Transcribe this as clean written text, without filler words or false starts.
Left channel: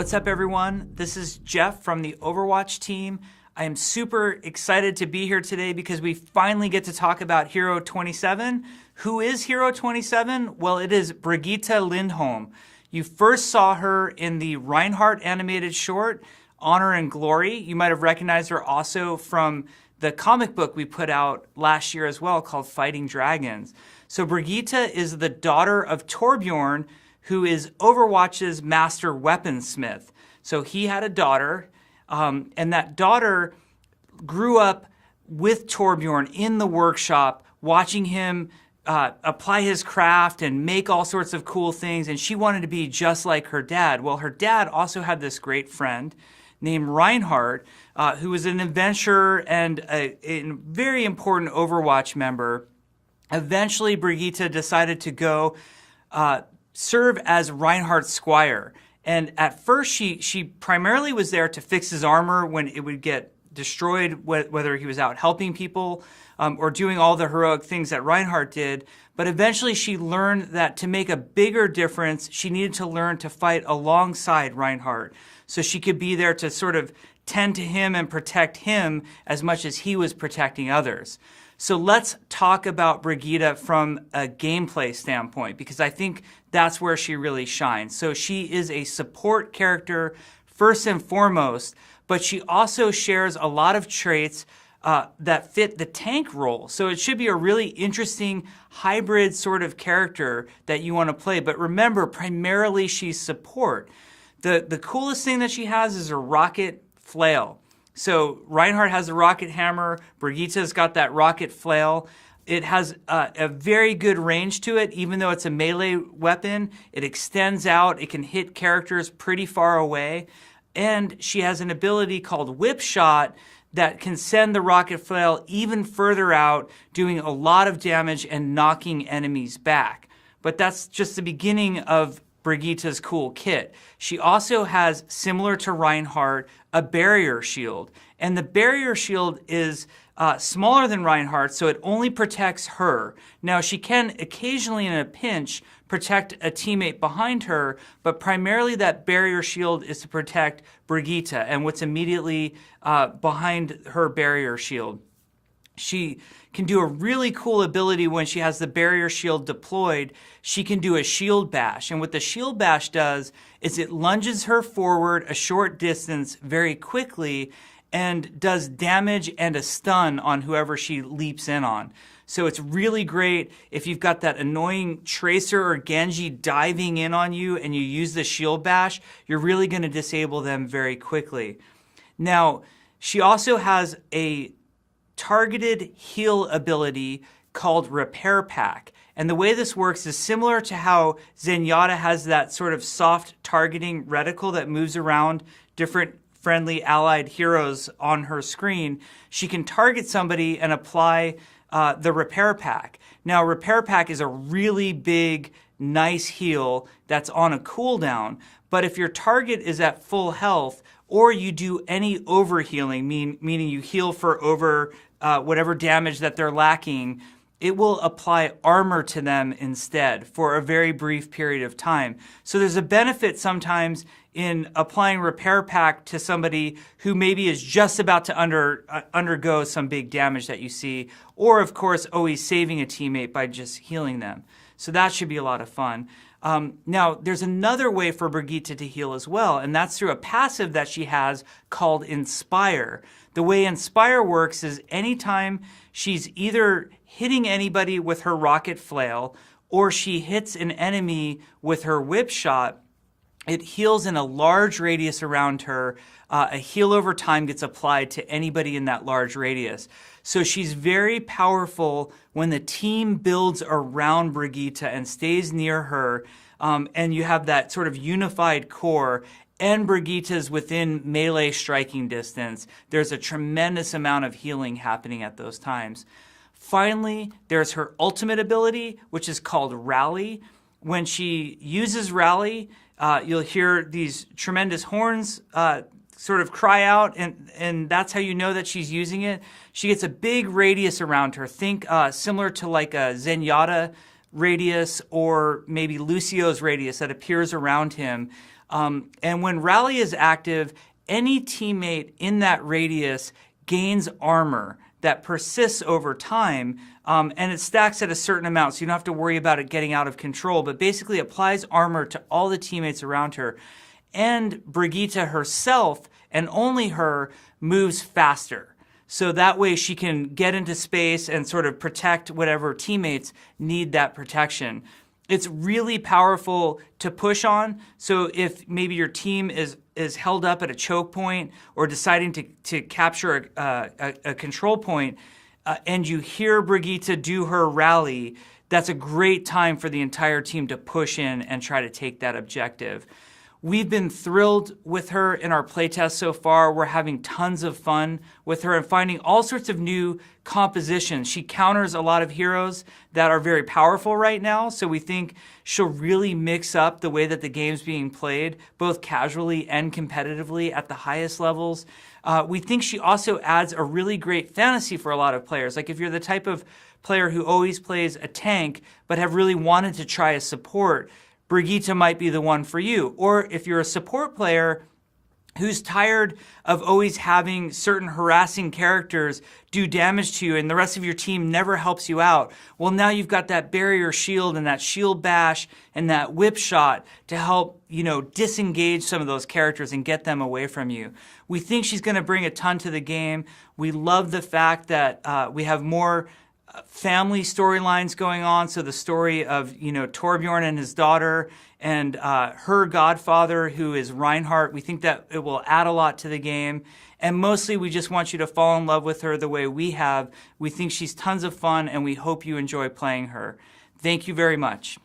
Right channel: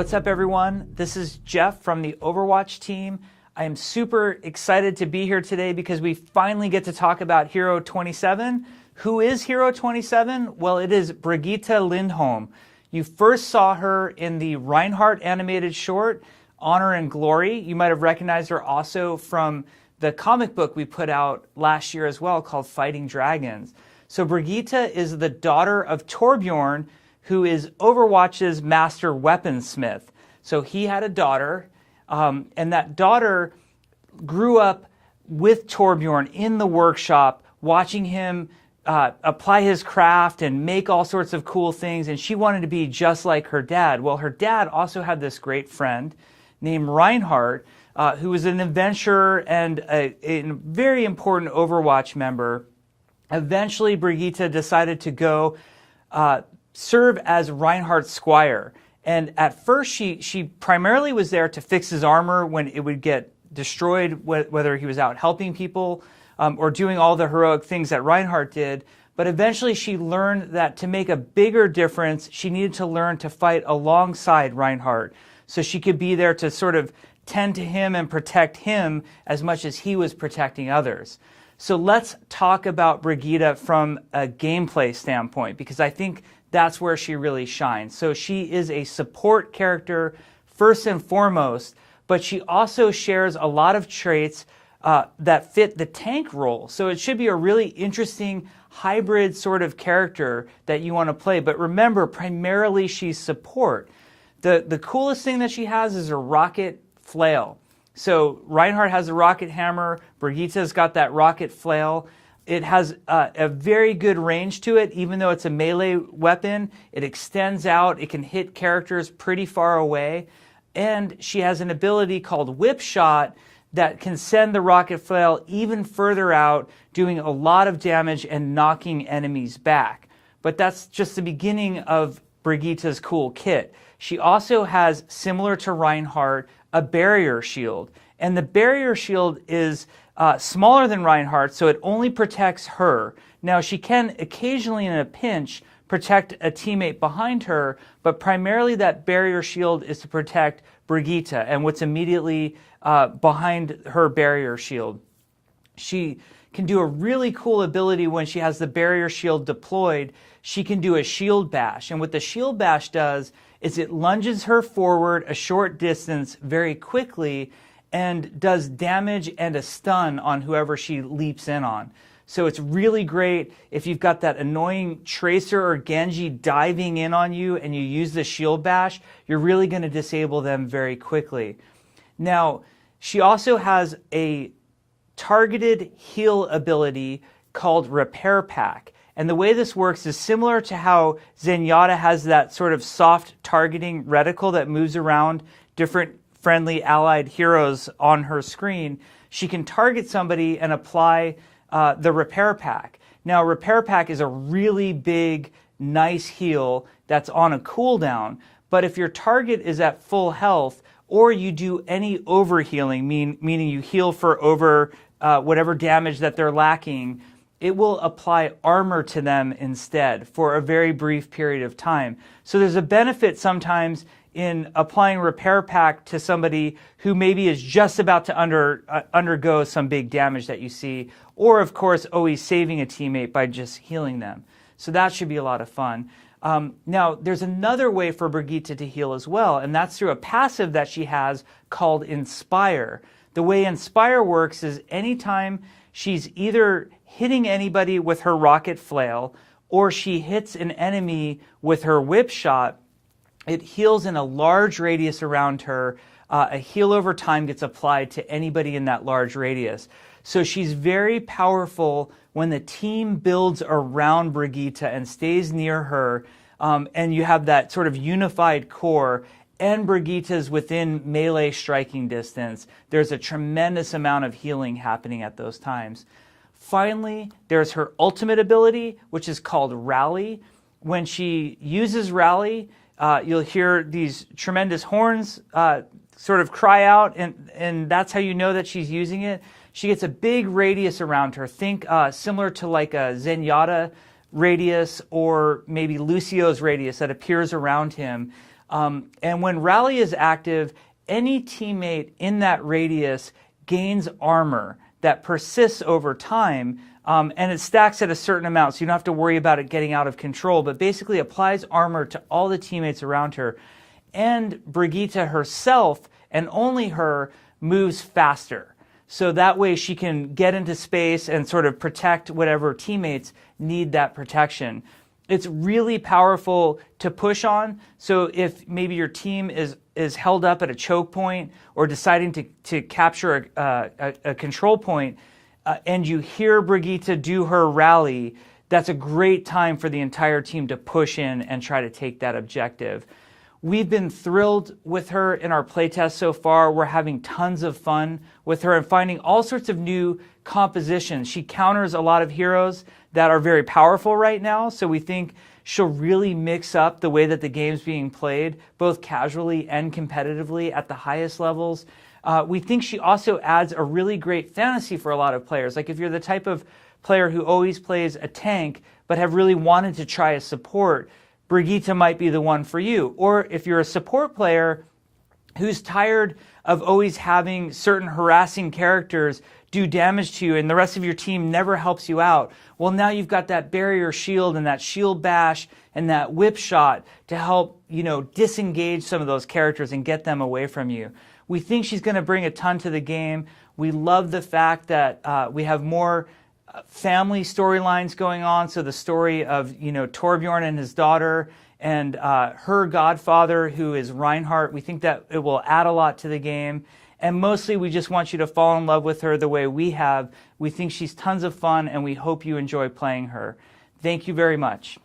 What's up, everyone? This is Jeff from the Overwatch team. I am super excited to be here today because we finally get to talk about Hero 27. Who is Hero 27? Well, it is Brigitte Lindholm. You first saw her in the Reinhardt animated short, Honor and Glory. You might have recognized her also from the comic book we put out last year as well called Fighting Dragons. So Brigitte is the daughter of Torbjorn, who is Overwatch's master weaponsmith. So he had a daughter, and that daughter grew up with Torbjorn in the workshop, watching him apply his craft and make all sorts of cool things, and she wanted to be just like her dad. Well, her dad also had this great friend named Reinhardt, who was an adventurer and a very important Overwatch member. Eventually, Brigitte decided to go serve as Reinhardt's squire. And at first, she primarily was there to fix his armor when it would get destroyed, whether he was out helping people or doing all the heroic things that Reinhardt did. But eventually, she learned that to make a bigger difference, she needed to learn to fight alongside Reinhardt. So she could be there to sort of tend to him and protect him as much as he was protecting others. So let's talk about Brigitte from a gameplay standpoint, because I think that's where she really shines. So she is a support character first and foremost, but she also shares a lot of traits that fit the tank role. So it should be a really interesting hybrid sort of character that you want to play. But remember, primarily she's support. The coolest thing that she has is a rocket flail. So Reinhardt has a rocket hammer. Brigitte's got that rocket flail. It has a very good range to it, even though it's a melee weapon. It extends out. It can hit characters pretty far away. And she has an ability called Whip Shot that can send the rocket flail even further out, doing a lot of damage and knocking enemies back. But that's just the beginning of Brigitte's cool kit. She also has, similar to Reinhardt, a barrier shield. And the barrier shield is smaller than Reinhardt, so it only protects her. Now, she can occasionally, in a pinch, protect a teammate behind her, but primarily that barrier shield is to protect Brigitte and what's immediately behind her barrier shield. She can do a really cool ability when she has the barrier shield deployed. She can do a shield bash. And what the shield bash does is it lunges her forward a short distance very quickly and does damage and a stun on whoever she leaps in on. So it's really great if you've got that annoying Tracer or Genji diving in on you and you use the shield bash, you're really going to disable them very quickly. Now, she also has a targeted heal ability called Repair Pack. And the way this works is similar to how Zenyatta has that sort of soft targeting reticle that moves around different friendly allied heroes on her screen. She can target somebody and apply the Repair Pack. Now, Repair Pack is a really big, nice heal that's on a cooldown. But if your target is at full health, or you do any overhealing, meaning you heal for over whatever damage that they're lacking, it will apply armor to them instead for a very brief period of time. So there's a benefit sometimes in applying Repair Pack to somebody who maybe is just about to undergo some big damage that you see, or of course always saving a teammate by just healing them. So that should be a lot of fun. Now, there's another way for Brigitte to heal as well, and that's through a passive that she has called Inspire. The way Inspire works is anytime she's either hitting anybody with her rocket flail or she hits an enemy with her whip shot, it heals in a large radius around her. A heal over time gets applied to anybody in that large radius. So she's very powerful when the team builds around Brigitte and stays near her, and you have that sort of unified core, and Brigitte's within melee striking distance. There's a tremendous amount of healing happening at those times. Finally, there's her ultimate ability, which is called Rally. When she uses Rally, you'll hear these tremendous horns sort of cry out, and that's how you know that she's using it. She gets a big radius around her. Think similar to like a Zenyatta radius or maybe Lucio's radius that appears around him. And when Rally is active, any teammate in that radius gains armor that persists over time, and it stacks at a certain amount, so you don't have to worry about it getting out of control, but basically applies armor to all the teammates around her. And Brigitte herself, and only her, moves faster. So that way she can get into space and sort of protect whatever teammates need that protection. It's really powerful to push on. So if maybe your team is held up at a choke point or deciding to capture a control point, and you hear Brigitte do her rally, that's a great time for the entire team to push in and try to take that objective. We've been thrilled with her in our playtest so far. We're having tons of fun with her and finding all sorts of new compositions. She counters a lot of heroes that are very powerful right now, so we think she'll really mix up the way that the game's being played, both casually and competitively at the highest levels. We think she also adds a really great fantasy for a lot of players. Like if you're the type of player who always plays a tank but have really wanted to try a support, Brigitte might be the one for you. Or if you're a support player who's tired of always having certain harassing characters do damage to you and the rest of your team never helps you out, well, now you've got that barrier shield and that shield bash and that whip shot to help, disengage some of those characters and get them away from you. We think she's going to bring a ton to the game. We love the fact that we have more family storylines going on. So the story of, Torbjorn and his daughter and her godfather, who is Reinhardt. We think that it will add a lot to the game. And mostly we just want you to fall in love with her the way we have. We think she's tons of fun, and we hope you enjoy playing her. Thank you very much.